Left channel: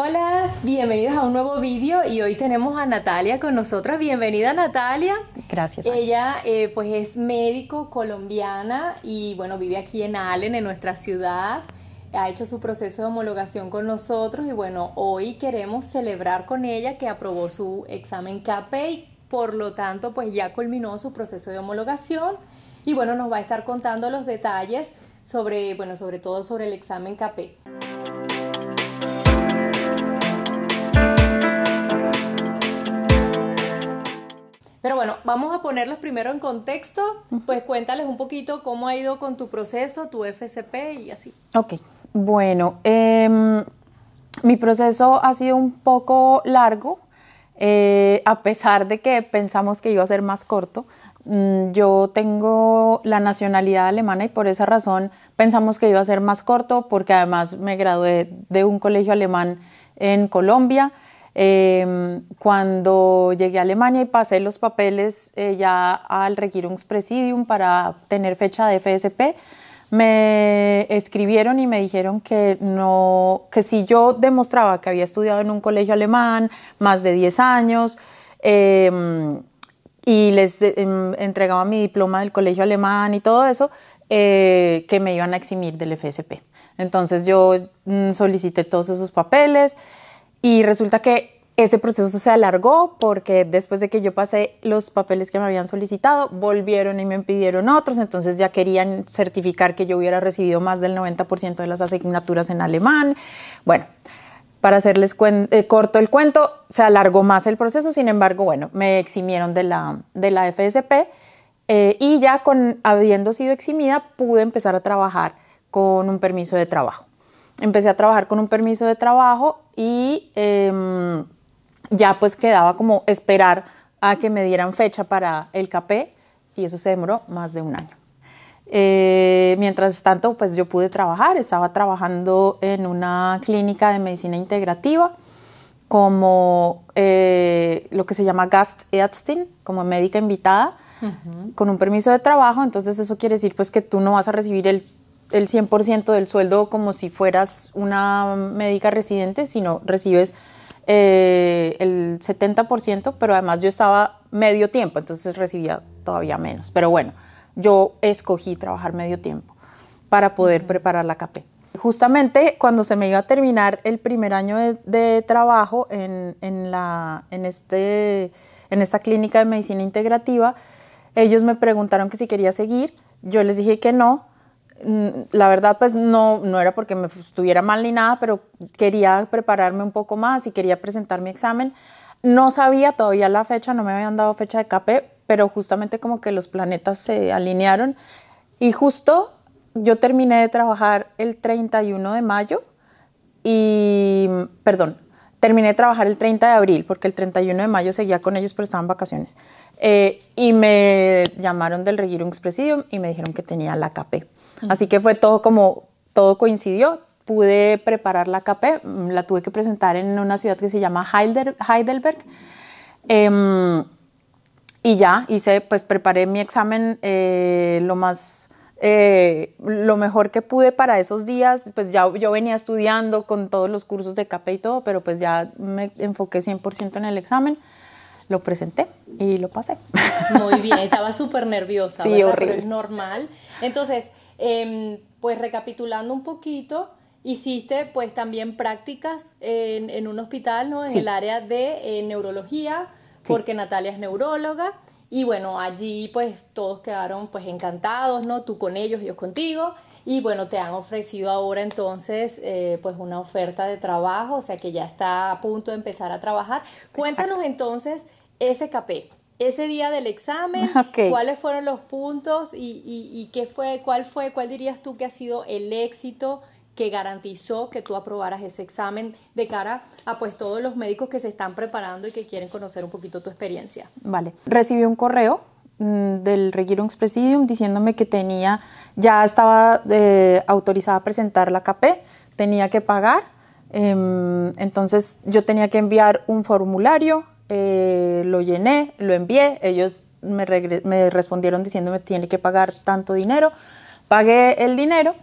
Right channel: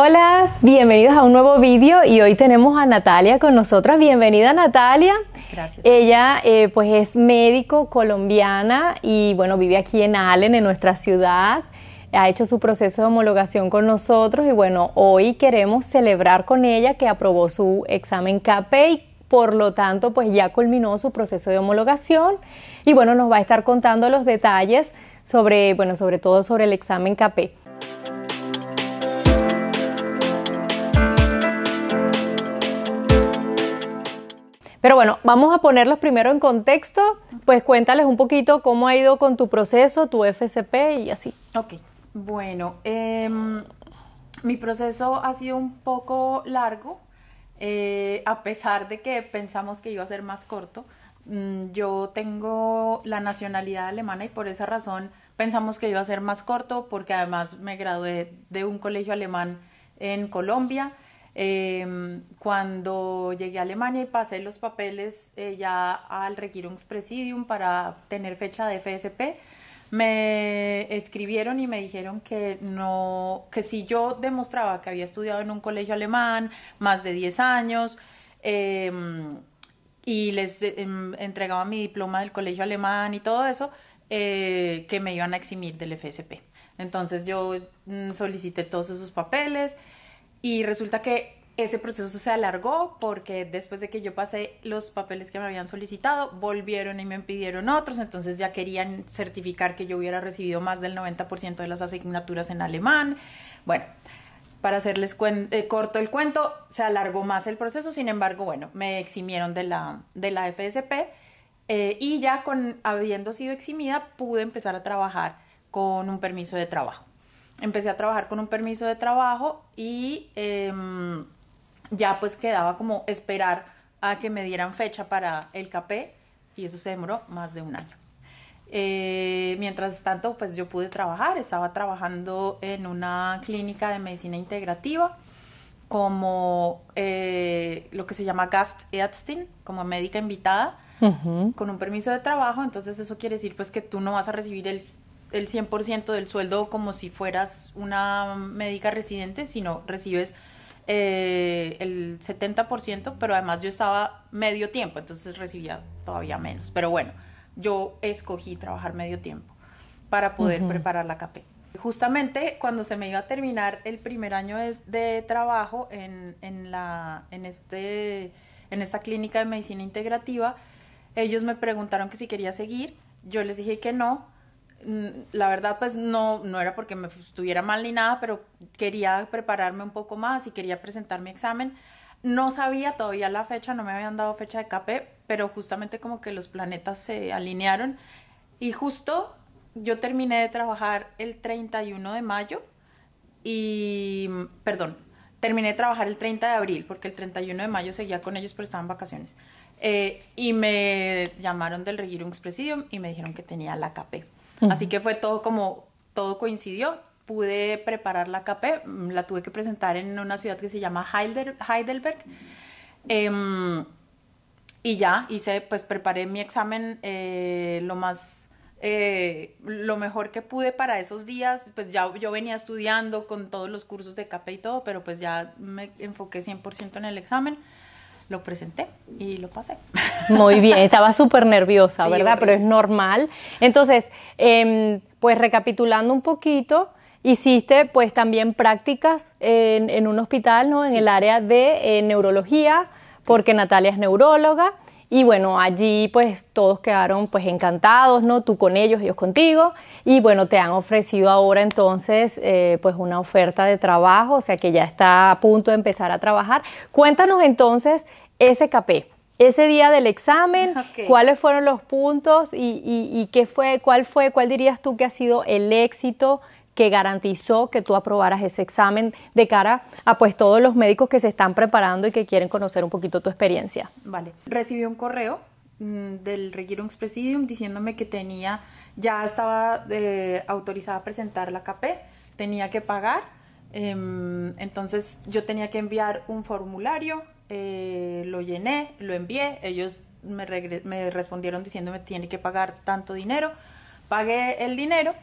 Hola, bienvenidos a un nuevo vídeo y hoy tenemos a Natalia con nosotras. Bienvenida, Natalia. Gracias. Ella pues es médico colombiana y bueno, vive aquí en Allen, en nuestra ciudad. Ha hecho su proceso de homologación con nosotros y bueno, hoy queremos celebrar con ella que aprobó su examen CAPE y por lo tanto pues ya culminó su proceso de homologación y bueno, nos va a estar contando los detalles sobre, bueno, sobre todo sobre el examen CAPE. Pero bueno, vamos a ponerlos primero en contexto, pues cuéntales un poquito cómo ha ido con tu proceso, tu FCP y así. Ok, bueno, mi proceso ha sido un poco largo, a pesar de que pensamos que iba a ser más corto. Yo tengo la nacionalidad alemana y por esa razón pensamos que iba a ser más corto, porque además me gradué de un colegio alemán en Colombia. Cuando llegué a Alemania y pasé los papeles ya al Regierungspräsidium para tener fecha de FSP, me escribieron y me dijeron que no, que si yo demostraba que había estudiado en un colegio alemán más de 10 años y les entregaba mi diploma del colegio alemán y todo eso, que me iban a eximir del FSP. Entonces yo solicité todos esos papeles. Y resulta que ese proceso se alargó porque después de que yo pasé los papeles que me habían solicitado, volvieron y me pidieron otros, entonces ya querían certificar que yo hubiera recibido más del 90% de las asignaturas en alemán. Bueno, para hacerles corto el cuento, se alargó más el proceso, sin embargo, bueno, me eximieron de la FSP y ya habiendo sido eximida, pude empezar a trabajar con un permiso de trabajo. Empecé a trabajar con un permiso de trabajo y ya pues quedaba como esperar a que me dieran fecha para el CAPE y eso se demoró más de un año. Mientras tanto pues yo pude trabajar, estaba trabajando en una clínica de medicina integrativa como lo que se llama Gastärztin, como médica invitada, con un permiso de trabajo. Entonces eso quiere decir pues que tú no vas a recibir el 100% del sueldo como si fueras una médica residente, sino recibes el 70%, pero además yo estaba medio tiempo, entonces recibía todavía menos. Pero bueno, yo escogí trabajar medio tiempo para poder preparar la CAPE. Justamente cuando se me iba a terminar el primer año de trabajo en esta clínica de medicina integrativa, ellos me preguntaron que si quería seguir. Yo les dije que no. La verdad pues no era porque me estuviera mal ni nada, pero quería prepararme un poco más y quería presentar mi examen. No sabía todavía la fecha, no me habían dado fecha de CAPE, pero justamente como que los planetas se alinearon y justo yo terminé de trabajar el 31 de mayo y, perdón, terminé de trabajar el 30 de abril porque el 31 de mayo seguía con ellos pero estaban en vacaciones. Y me llamaron del Regierungspräsidium y me dijeron que tenía la CAPE. Así que fue todo como, todo coincidió. Pude preparar la CAPE, la tuve que presentar en una ciudad que se llama Heidelberg. Y ya hice, pues preparé mi examen lo mejor que pude para esos días. Pues ya yo venía estudiando con todos los cursos de CAPE y todo, pero pues ya me enfoqué 100% en el examen. Lo presenté y lo pasé. Muy bien, estaba súper nerviosa, sí, ¿verdad? Horrible. Pero es normal. Entonces, pues recapitulando un poquito, hiciste pues también prácticas en un hospital, ¿no? En el área de neurología, porque Natalia es neuróloga. Y bueno, allí pues todos quedaron pues encantados, ¿no? Tú con ellos contigo. Y bueno, te han ofrecido ahora entonces pues una oferta de trabajo, o sea que ya está a punto de empezar a trabajar. Cuéntanos entonces ese CAPE, ese día del examen, ¿cuáles fueron los puntos y qué fue, cuál dirías tú que ha sido el éxito que garantizó que tú aprobaras ese examen de cara a pues todos los médicos que se están preparando y que quieren conocer un poquito tu experiencia? Vale, recibí un correo del Regierungspräsidium diciéndome que ya estaba autorizada a presentar la CAPE, tenía que pagar, entonces yo tenía que enviar un formulario, lo llené, lo envié, ellos me respondieron diciéndome tiene que pagar tanto dinero, pagué el dinero.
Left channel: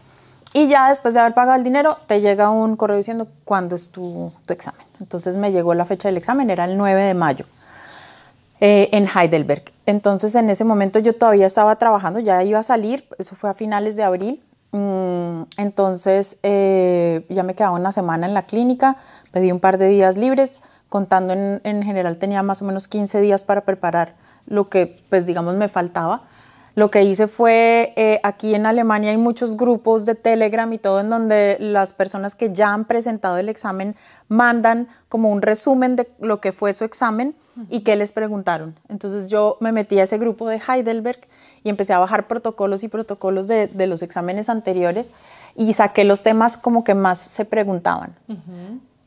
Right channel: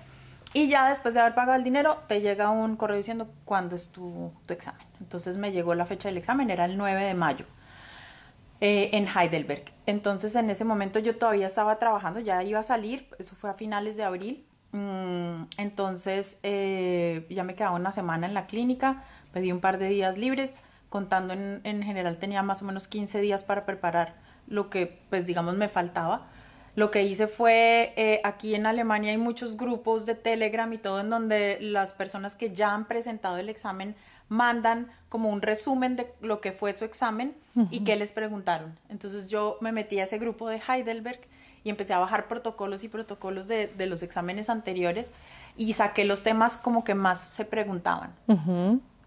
Y ya después de haber pagado el dinero, te llega un correo diciendo cuándo es tu examen. Entonces me llegó la fecha del examen, era el 9 de mayo, en Heidelberg. Entonces en ese momento yo todavía estaba trabajando, ya iba a salir, eso fue a finales de abril. Entonces ya me quedaba una semana en la clínica, pedí un par de días libres, contando en general tenía más o menos 15 días para preparar lo que, pues digamos, me faltaba. Lo que hice fue, aquí en Alemania hay muchos grupos de Telegram y todo en donde las personas que ya han presentado el examen mandan como un resumen de lo que fue su examen y qué les preguntaron. Entonces yo me metí a ese grupo de Heidelberg y empecé a bajar protocolos y protocolos de los exámenes anteriores y saqué los temas como que más se preguntaban.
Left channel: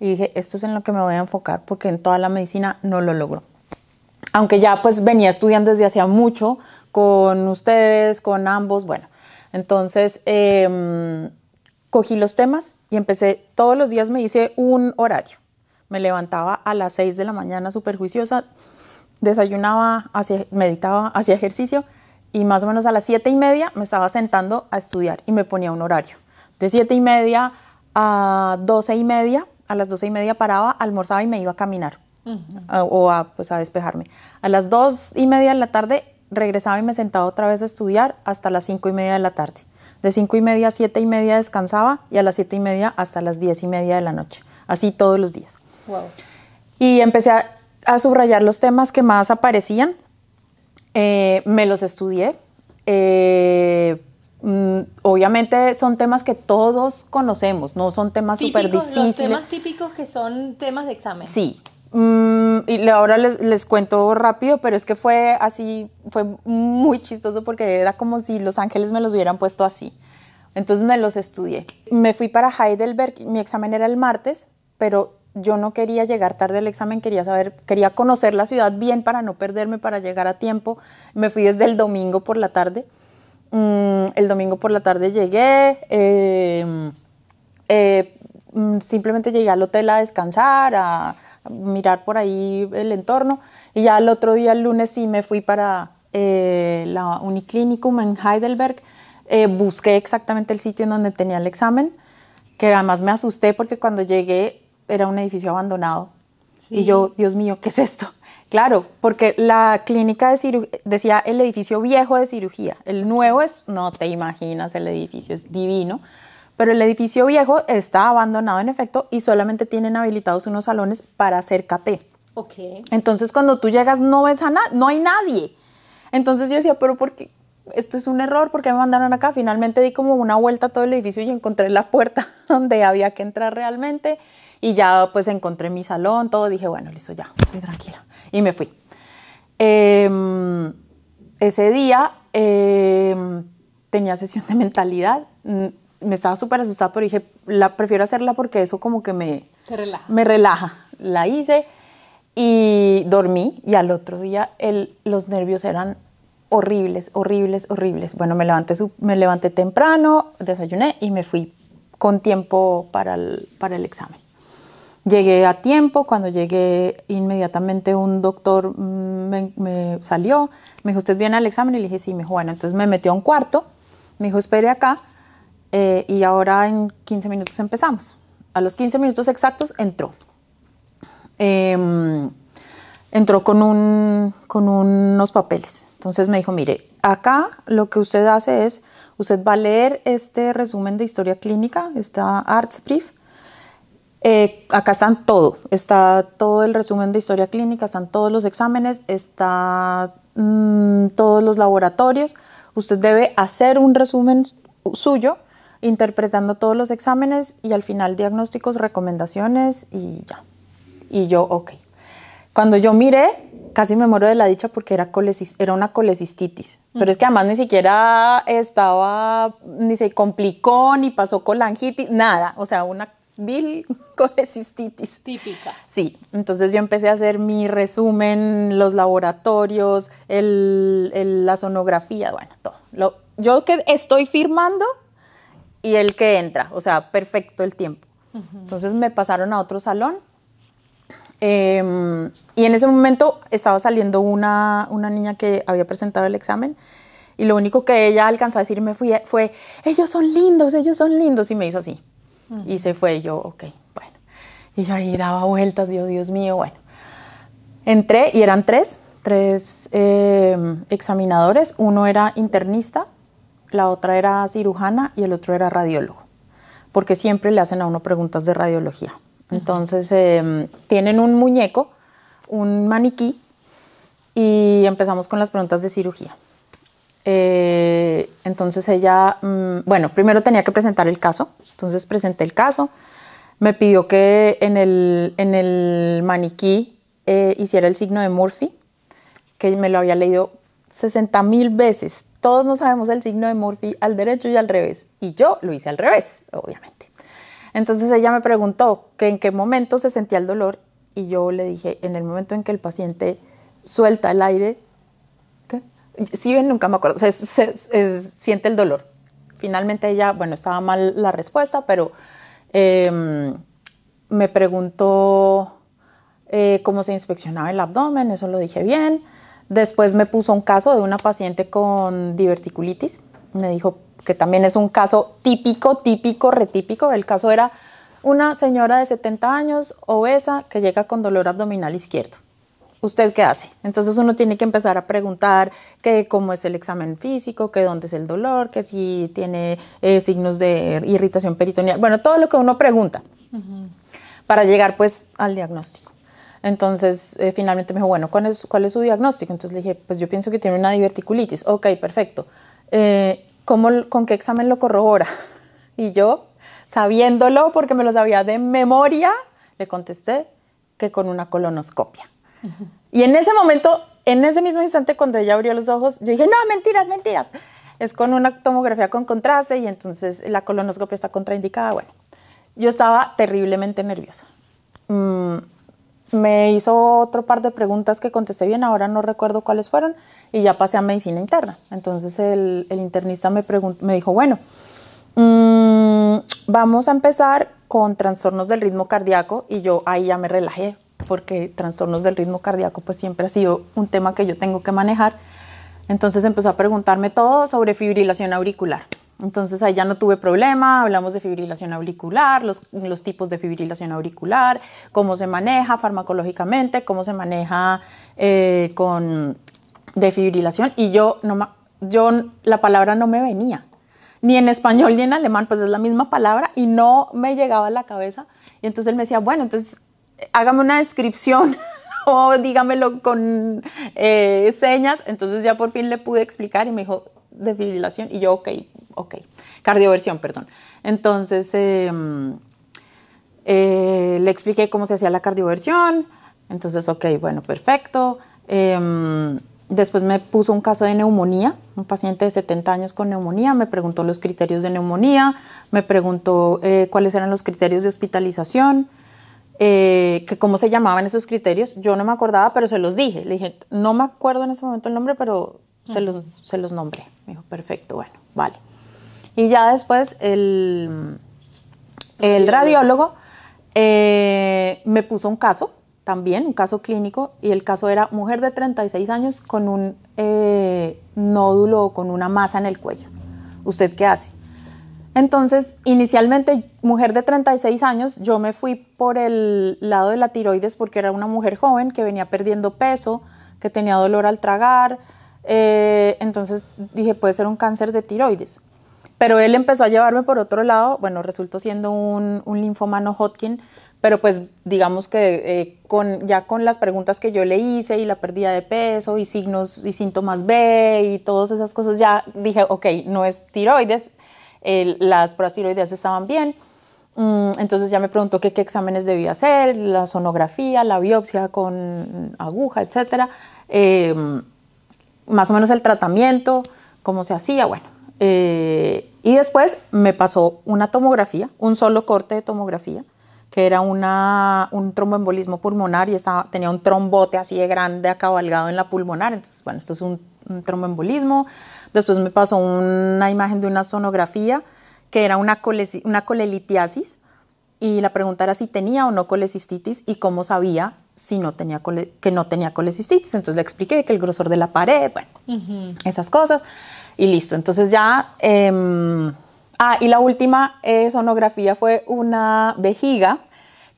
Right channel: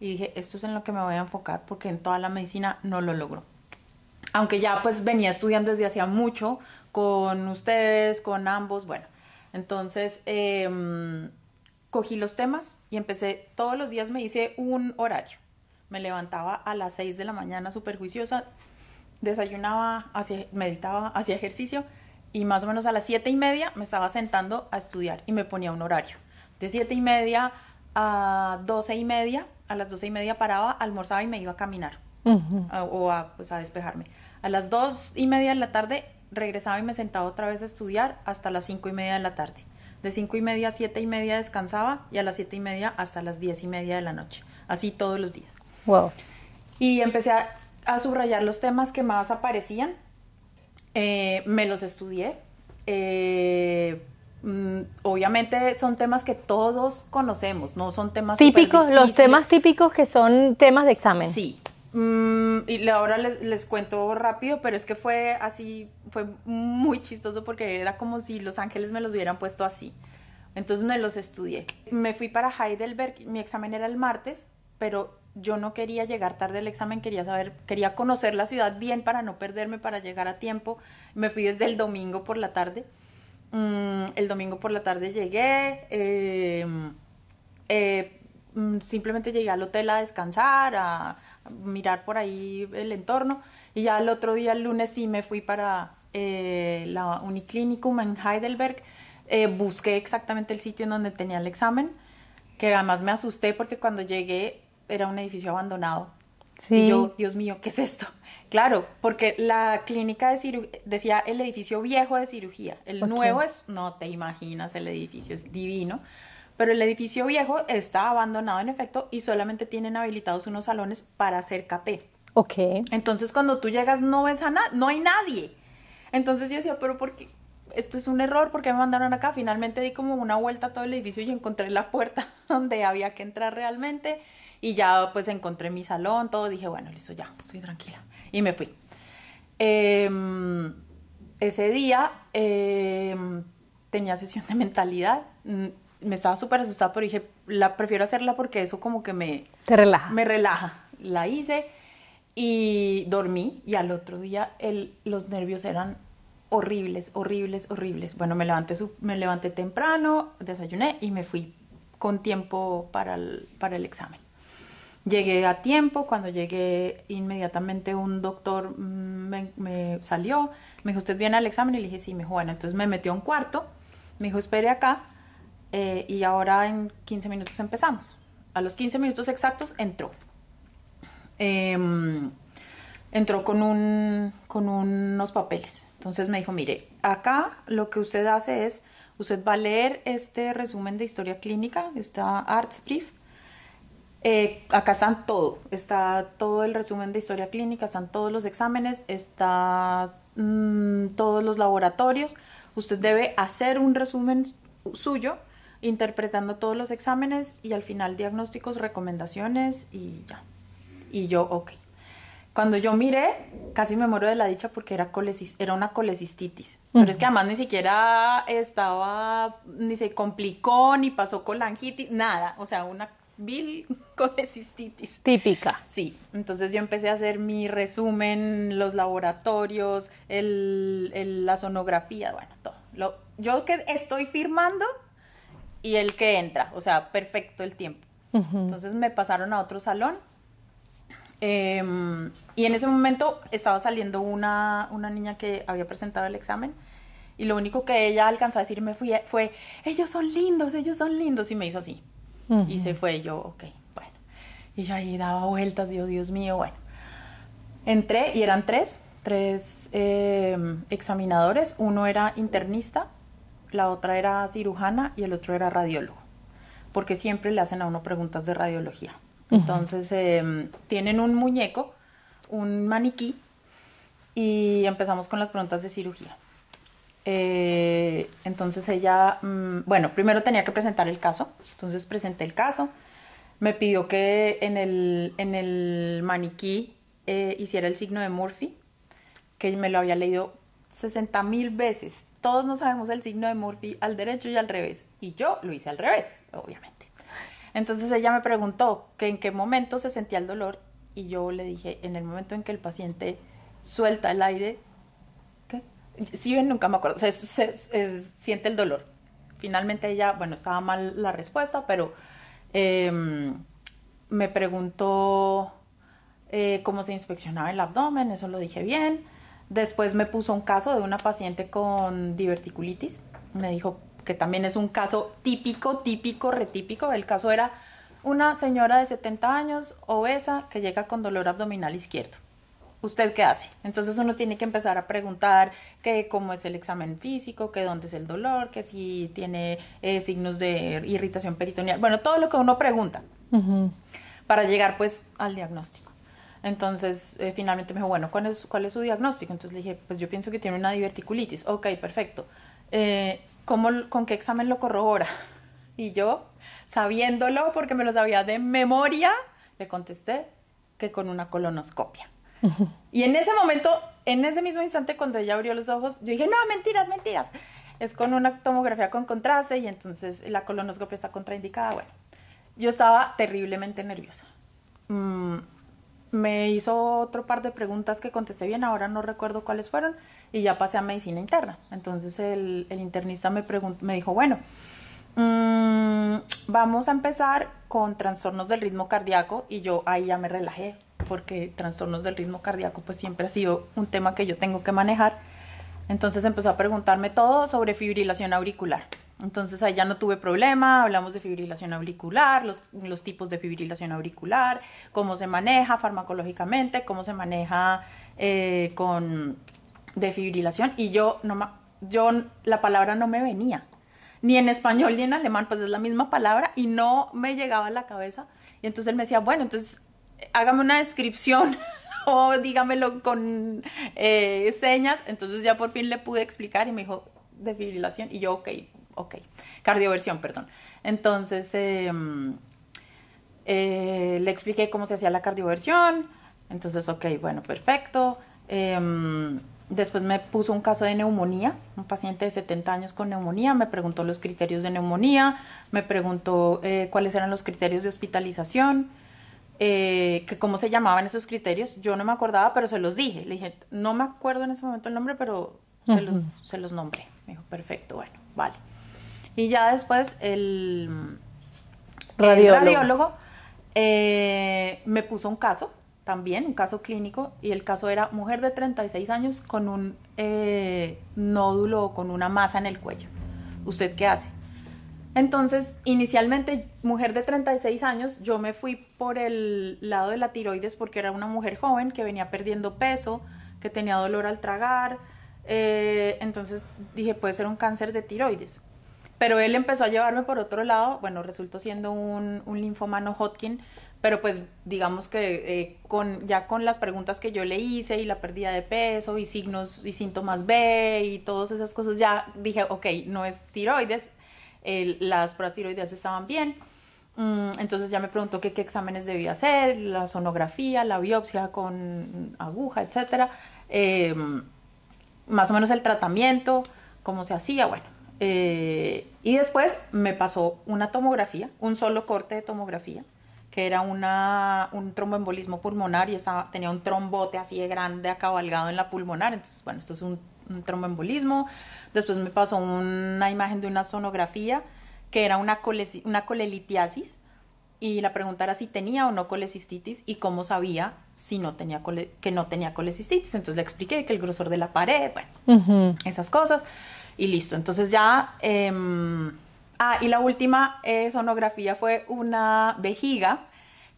Y dije, esto es en lo que me voy a enfocar porque en toda la medicina no lo logro. Aunque ya pues venía estudiando desde hacía mucho con ustedes, con ambos, bueno. Entonces cogí los temas y empecé, todos los días me hice un horario. Me levantaba a las 6 de la mañana súper juiciosa, desayunaba, meditaba, hacía ejercicio y más o menos a las 7:30 me estaba sentando a estudiar y me ponía un horario. De 7:30 a 12:30, a las 12:30 paraba, almorzaba y me iba a caminar. Pues a despejarme. A las 2:30 de la tarde regresaba y me sentaba otra vez a estudiar hasta las 5:30 de la tarde. De 5:30 a 7:30 descansaba y a las 7:30 hasta las 10:30 de la noche. Así todos los días. Wow. Y empecé a subrayar los temas que más aparecían. Me los estudié. Obviamente son temas que todos conocemos, no son temas súper difíciles. Los temas típicos que son temas de examen. Sí. Y ahora les cuento rápido, pero es que fue así, fue muy chistoso porque era como si los ángeles me los hubieran puesto así. Entonces me los estudié. Me fui para Heidelberg, mi examen era el martes, pero yo no quería llegar tarde al examen, quería conocer la ciudad bien para no perderme, para llegar a tiempo. Me fui desde el domingo por la tarde. El domingo por la tarde llegué, simplemente llegué al hotel a descansar, a mirar por ahí el entorno y ya el otro día, el lunes, sí me fui para la Uniclinikum en Heidelberg. Busqué exactamente el sitio en donde tenía el examen, que además me asusté porque cuando llegué era un edificio abandonado. Sí. Y yo, Dios mío, ¿qué es esto? Claro, porque la clínica de cirugía decía el edificio viejo de cirugía. El nuevo no te imaginas, el edificio es divino. Pero el edificio viejo está abandonado en efecto y solamente tienen habilitados unos salones para hacer CAP. Entonces cuando tú llegas no ves a nadie, no hay nadie. Entonces yo decía, pero ¿por qué? Esto es un error, ¿por qué me mandaron acá? Finalmente di como una vuelta a todo el edificio y encontré la puerta donde había que entrar realmente. Y ya pues encontré mi salón, todo, dije, bueno, listo, ya, estoy tranquila. Y me fui. Ese día tenía sesión de mentalidad. Me estaba súper asustada, pero dije, prefiero hacerla porque eso como que me relaja. La hice y dormí y al otro día los nervios eran horribles. Bueno, me levanté temprano, desayuné y me fui con tiempo para el examen. Llegué a tiempo, cuando llegué inmediatamente un doctor me salió, me dijo, ¿usted viene al examen? Y le dije, sí, me dijo, bueno, entonces me metió a un cuarto, me dijo, espere acá y ahora en 15 minutos empezamos. A los 15 minutos exactos entró. Entró con unos papeles. Entonces me dijo, mire, acá lo que usted hace es, usted va a leer este resumen de historia clínica, esta Arztbrief. Acá está todo el resumen de historia clínica, están todos los exámenes, está todos los laboratorios. Usted debe hacer un resumen suyo, interpretando todos los exámenes y al final diagnósticos, recomendaciones y ya. Y yo, ok. Cuando yo miré, casi me muero de la dicha porque era una colecistitis. Pero es que además ni siquiera ni se complicó, ni pasó colangitis, nada. O sea, una vil colecistitis. Típica. Sí, entonces yo empecé a hacer mi resumen, los laboratorios, la sonografía, bueno, todo. Yo que estoy firmando y el que entra, o sea, perfecto el tiempo. Entonces me pasaron a otro salón y en ese momento estaba saliendo una niña que había presentado el examen Y lo único que ella alcanzó a decirme fue, ellos son lindos, y me hizo así. Y se fue, y yo, ok, bueno. Y yo ahí daba vueltas, Dios mío, bueno. Entré y eran tres examinadores. Uno era internista, la otra era cirujana y el otro era radiólogo, porque siempre le hacen a uno preguntas de radiología. Entonces, tienen un muñeco, un maniquí, y empezamos con las preguntas de cirugía. Entonces ella, bueno, primero tenía que presentar el caso. Entonces presenté el caso. Me pidió que en el maniquí hiciera el signo de Murphy, que me lo había leído 60.000 veces. Todos no sabemos el signo de Murphy al derecho y al revés. Y yo lo hice al revés, obviamente. Entonces ella me preguntó que en qué momento se sentía el dolor, y yo le dije, en el momento en que el paciente suelta el aire. ¿Qué? Sí, nunca me acuerdo. O sea, siente el dolor. Finalmente ella, bueno, estaba mal la respuesta, pero me preguntó cómo se inspeccionaba el abdomen, eso lo dije bien. Después me puso un caso de una paciente con diverticulitis. Me dijo que también es un caso típico, retípico. El caso era una señora de 70 años, obesa, que llega con dolor abdominal izquierdo. ¿Usted qué hace? Entonces uno tiene que empezar a preguntar que cómo es el examen físico, que dónde es el dolor, que si tiene signos de irritación peritoneal. Bueno, todo lo que uno pregunta para llegar pues al diagnóstico. Entonces finalmente me dijo, bueno, ¿cuál es su diagnóstico? Entonces le dije, pues yo pienso que tiene una diverticulitis. Ok, perfecto. ¿Con qué examen lo corrobora? Y yo, sabiéndolo porque me lo sabía de memoria, le contesté que con una colonoscopia. Y en ese momento, en ese mismo instante, cuando ella abrió los ojos, yo dije, no, mentiras. Es con una tomografía con contraste y entonces la colonoscopia está contraindicada. Bueno, yo estaba terriblemente nerviosa. Me hizo otro par de preguntas que contesté bien, ahora no recuerdo cuáles fueron, y ya pasé a medicina interna. Entonces el internista me dijo, bueno, vamos a empezar con trastornos del ritmo cardíaco, y yo ahí ya me relajé, porque trastornos del ritmo cardíaco pues siempre ha sido un tema que yo tengo que manejar. Entonces empezó a preguntarme todo sobre fibrilación auricular. Entonces ahí ya no tuve problema, hablamos de fibrilación auricular, los tipos de fibrilación auricular, cómo se maneja farmacológicamente, cómo se maneja con defibrilación, y yo la palabra no me venía, ni en español ni en alemán, pues es la misma palabra y no me llegaba a la cabeza. Y entonces él me decía, bueno, entonces hágame una descripción o dígamelo con señas. Entonces ya por fin le pude explicar y me dijo defibrilación, y yo ok, cardioversión, perdón. Entonces le expliqué cómo se hacía la cardioversión. Entonces ok, bueno, perfecto. Después me puso un caso de neumonía, un paciente de 70 años con neumonía, me preguntó los criterios de neumonía, me preguntó cuáles eran los criterios de hospitalización, que cómo se llamaban esos criterios. Yo no me acordaba, pero se los dije. Le dije, no me acuerdo en ese momento el nombre, pero se los nombré. Me dijo, perfecto, bueno, vale. Y ya después el radiólogo me puso un caso, también un caso clínico, y el caso era mujer de 36 años con un nódulo o con una masa en el cuello. ¿Usted qué hace? Entonces, inicialmente, mujer de 36 años, yo me fui por el lado de la tiroides porque era una mujer joven que venía perdiendo peso, que tenía dolor al tragar. Entonces dije, puede ser un cáncer de tiroides. Pero él empezó a llevarme por otro lado. Bueno, resultó siendo un linfoma no Hodgkin, pero pues digamos que ya con las preguntas que yo le hice y la pérdida de peso y signos y síntomas B y todas esas cosas, ya dije, ok, no es tiroides. Las pruebas tiroideas estaban bien. Entonces ya me preguntó qué exámenes debía hacer, la sonografía, la biopsia con aguja, etcétera, más o menos el tratamiento, cómo se hacía, bueno. Y después me pasó una tomografía, un solo corte de tomografía, que era un tromboembolismo pulmonar, y tenía un trombote así de grande acabalgado en la pulmonar. Entonces, bueno, esto es un tromboembolismo. Después me pasó una imagen de una sonografía que era una colelitiasis, y la pregunta era si tenía o no colecistitis y cómo sabía si no tenía que no tenía colecistitis. Entonces le expliqué que el grosor de la pared, bueno, esas cosas y listo. Entonces ya... y la última sonografía fue una vejiga,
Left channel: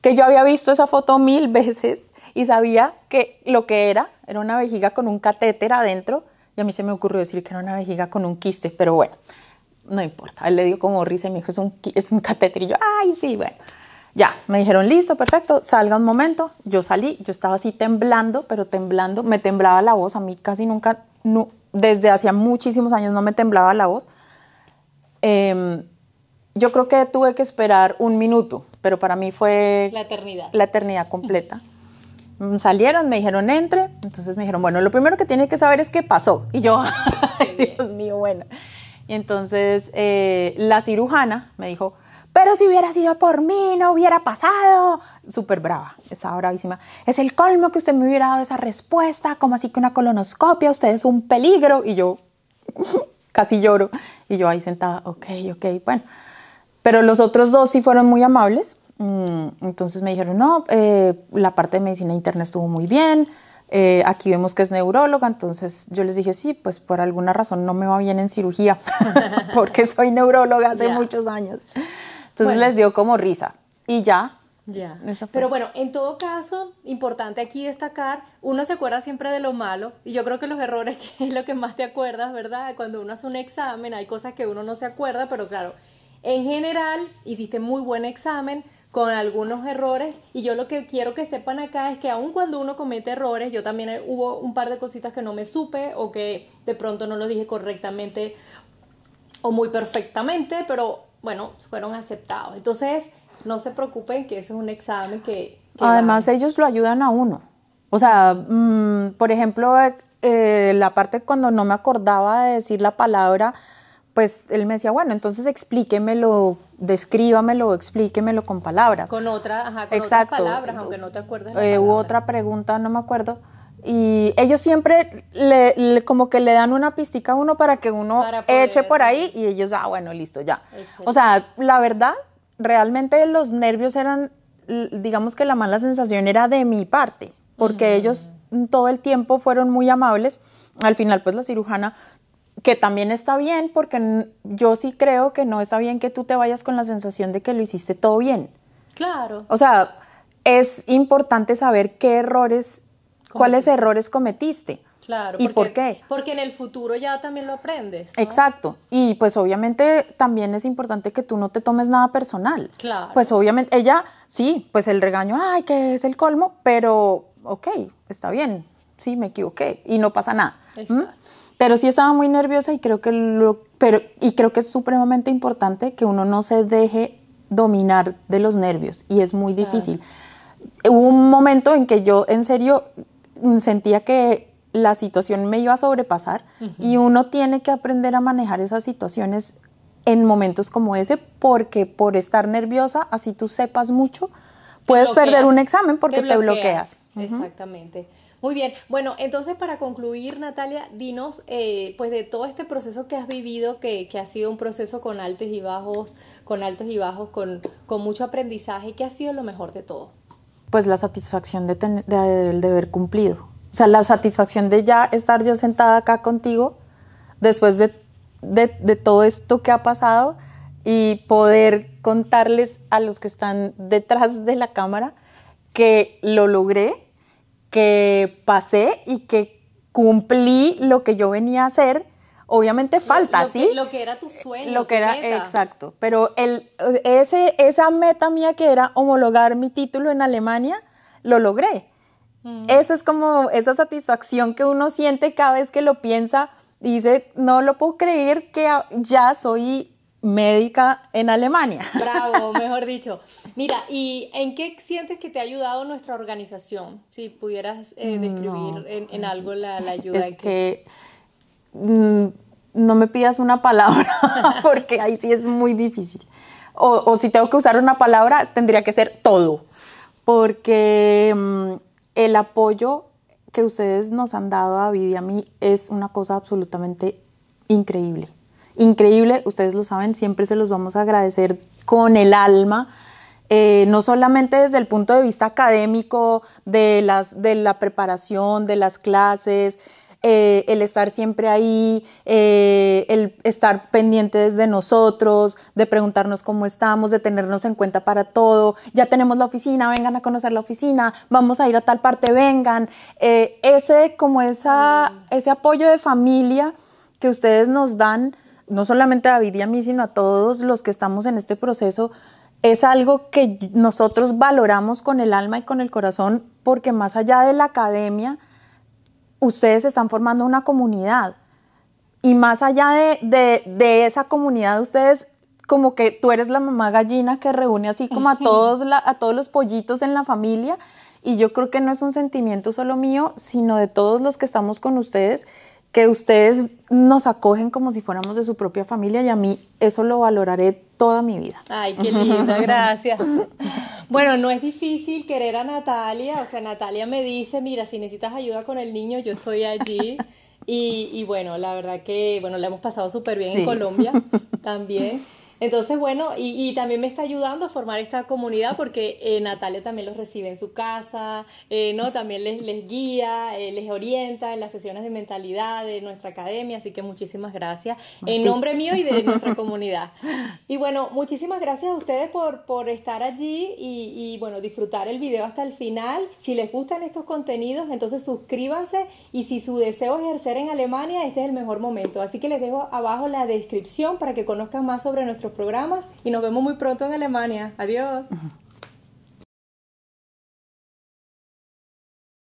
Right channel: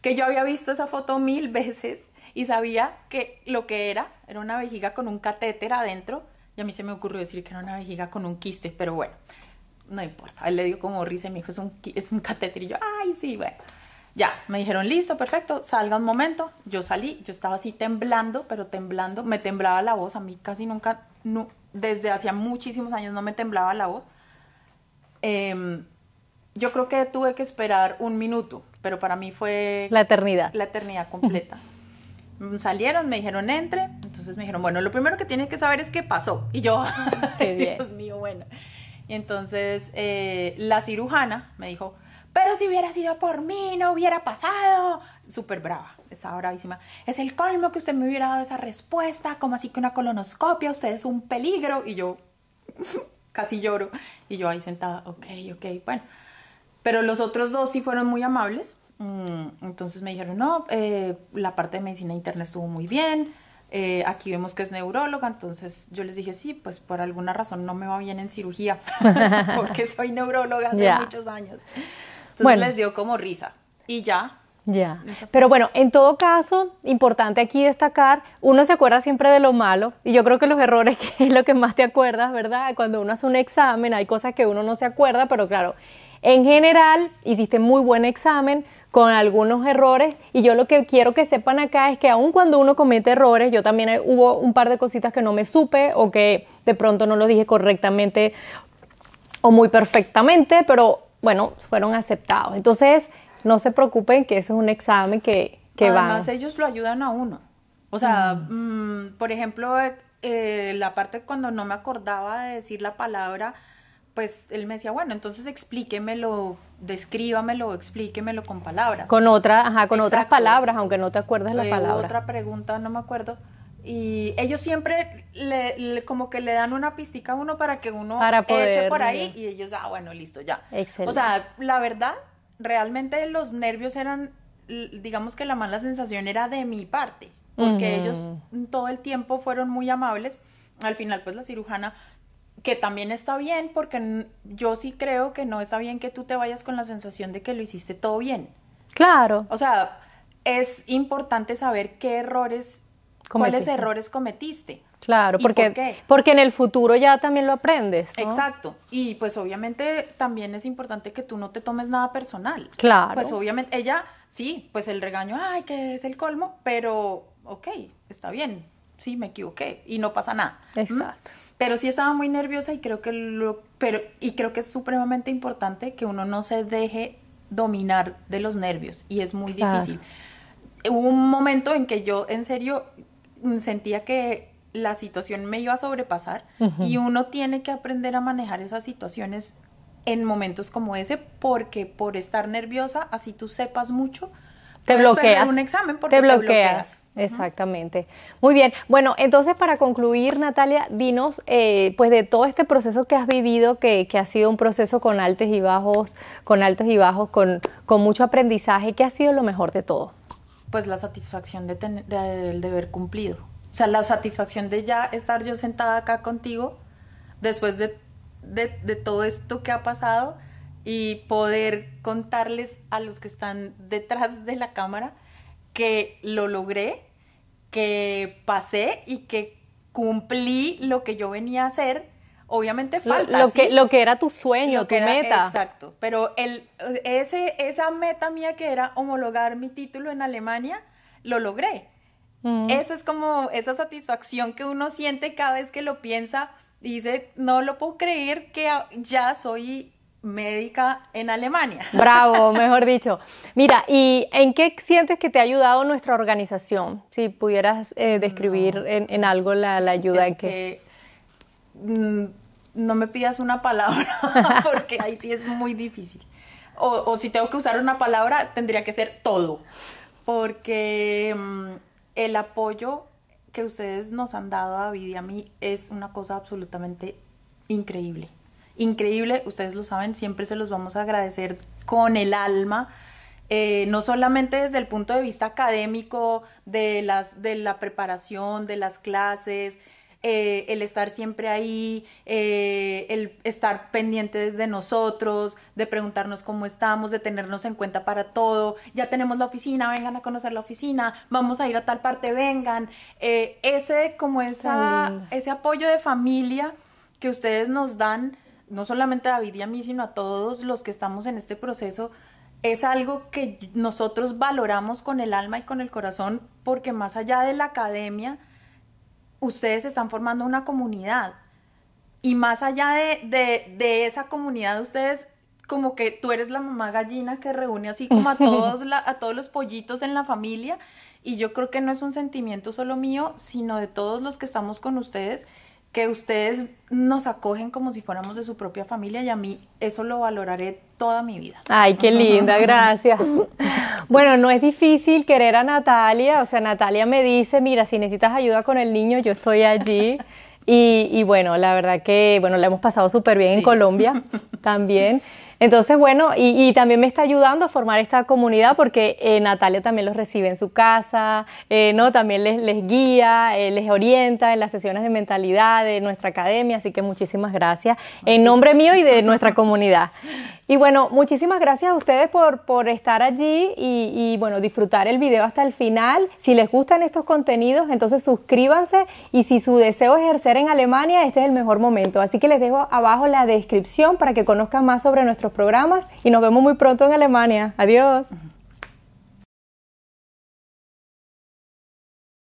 que yo había visto esa foto 1000 veces y sabía que lo que era una vejiga con un catéter adentro, y a mí se me ocurrió decir que era una vejiga con un quiste, pero bueno, no importa. Él le dio como risa y me dijo, es un catéter, y yo, ay, sí, bueno. Ya, me dijeron, listo, perfecto, salga un momento. Yo salí, yo estaba así temblando, pero temblando, me temblaba la voz, a mí casi nunca, no, desde hacía muchísimos años no me temblaba la voz. Yo creo que tuve que esperar 1 minuto, pero para mí fue... La eternidad. La eternidad completa. Salieron, me dijeron, entre. Entonces me dijeron, bueno, lo primero que tiene que saber es qué pasó. Y yo, ay, Dios mío, bueno. Y entonces la cirujana me dijo, pero si hubiera sido por mí, no hubiera pasado. Súper brava, estaba bravísima. Es el colmo que usted me hubiera dado esa respuesta, como así que una colonoscopia, usted es un peligro. Y yo... casi lloro, y yo ahí sentada, ok, bueno. Pero los otros 2 sí fueron muy amables, entonces me dijeron, no, la parte de medicina interna estuvo muy bien, aquí vemos que es neuróloga, entonces yo les dije, sí, pues por alguna razón no me va bien en cirugía, porque soy neuróloga hace muchos años. Entonces les dio como risa, y ya. Ya, pero bueno, en todo caso, importante aquí destacar, uno se acuerda siempre de lo malo, y yo creo que los errores que es lo que más te acuerdas, ¿verdad? Cuando uno hace un examen hay cosas que uno no se acuerda, pero claro, en general hiciste muy buen examen con algunos errores, y yo lo que quiero que sepan acá es que aun cuando uno comete errores, yo también hubo un par de cositas que no me supe, o que de pronto no lo dije correctamente o muy perfectamente, pero bueno, fueron aceptados. Entonces... no se preocupen que eso es un examen que además ellos lo ayudan a uno. O sea, por ejemplo, la parte cuando no me acordaba de decir la palabra, pues él me decía, bueno, entonces explíquemelo, descríbamelo, explíquemelo con palabras. Con otras palabras, aunque no te acuerdes la palabra. Hubo otra pregunta, no me acuerdo. Y ellos siempre como que le dan una pistica a uno para que uno eche por ahí, y ellos, bueno, listo, ya. Excelente. O sea, la verdad... realmente los nervios eran, digamos que la mala sensación era de mi parte, porque ellos todo el tiempo fueron muy amables. Al final, pues la cirujana, que también está bien, porque yo sí creo que no está bien que tú te vayas con la sensación de que lo hiciste todo bien. Claro. O sea, es importante saber cuáles errores cometiste. Claro, ¿Y por qué? Porque en el futuro ya también lo aprendes, ¿no? Exacto. Y pues obviamente también es importante que tú no te tomes nada personal. Claro. Pues obviamente ella, sí, pues el regaño, ay, que es el colmo, pero ok, está bien, sí, me equivoqué y no pasa nada. Exacto. Pero sí estaba muy nerviosa y creo que es supremamente importante que uno no se deje dominar de los nervios, y es muy difícil. Hubo un momento en que yo en serio sentía que la situación me iba a sobrepasar, y uno tiene que aprender a manejar esas situaciones en momentos como ese, porque por estar nerviosa, así tú sepas mucho, puedes perder un examen porque te bloqueas. Exactamente. Muy bien. Bueno, entonces para concluir, Natalia, dinos, pues de todo este proceso que has vivido, que ha sido un proceso con altos y bajos, con mucho aprendizaje, ¿qué ha sido lo mejor de todo? Pues la satisfacción de haber cumplido. O sea, la satisfacción de ya estar yo sentada acá contigo después de todo esto que ha pasado, y poder contarles a los que están detrás de la cámara que lo logré, que pasé y que cumplí lo que yo venía a hacer. Obviamente falta, lo que era tu sueño, tu meta. Exacto, pero esa meta mía, que era homologar mi título en Alemania, lo logré. Eso es como esa satisfacción que uno siente cada vez que lo piensa, dice, no lo puedo creer que ya soy médica en Alemania. Bravo, mejor dicho. Mira, ¿y en qué sientes que te ha ayudado nuestra organización? Si pudieras describir en algo la ayuda. Es que no me pidas una palabra, porque ahí sí es muy difícil. O si tengo que usar una palabra, tendría que ser todo, porque el apoyo que ustedes nos han dado a David y a mí es una cosa absolutamente increíble. Increíble, ustedes lo saben, siempre se los vamos a agradecer con el alma. no solamente desde el punto de vista académico, de la preparación, de las clases, el estar siempre ahí, el estar pendientes de nosotros, de preguntarnos cómo estamos, de tenernos en cuenta para todo. Ya tenemos la oficina, vengan a conocer la oficina, vamos a ir a tal parte, vengan. Ese apoyo de familia que ustedes nos dan, no solamente a David y a mí, sino a todos los que estamos en este proceso, es algo que nosotros valoramos con el alma y con el corazón, porque más allá de la academia, ustedes están formando una comunidad, y más allá de esa comunidad, ustedes, como que tú eres la mamá gallina que reúne así como a todos los pollitos en la familia, y yo creo que no es un sentimiento solo mío, sino de todos los que estamos con ustedes, que ustedes nos acogen como si fuéramos de su propia familia, y a mí eso lo valoraré toda mi vida. Ay, qué linda, gracias. Bueno, no es difícil querer a Natalia, o sea, Natalia me dice, mira, si necesitas ayuda con el niño, yo estoy allí. Y bueno, la verdad que, bueno, la hemos pasado súper bien en Colombia también. Entonces, bueno, y también me está ayudando a formar esta comunidad, porque Natalia también los recibe en su casa, ¿no? También les guía, les orienta en las sesiones de mentalidad de nuestra academia, así que muchísimas gracias en nombre mío y de nuestra comunidad. Y bueno, muchísimas gracias a ustedes por estar allí y bueno, disfrutar el video hasta el final. Si les gustan estos contenidos, entonces suscríbanse, y si su deseo es ejercer en Alemania, este es el mejor momento. Así que les dejo abajo la descripción para que conozcan más sobre nuestros programas, y nos vemos muy pronto en Alemania. Adiós.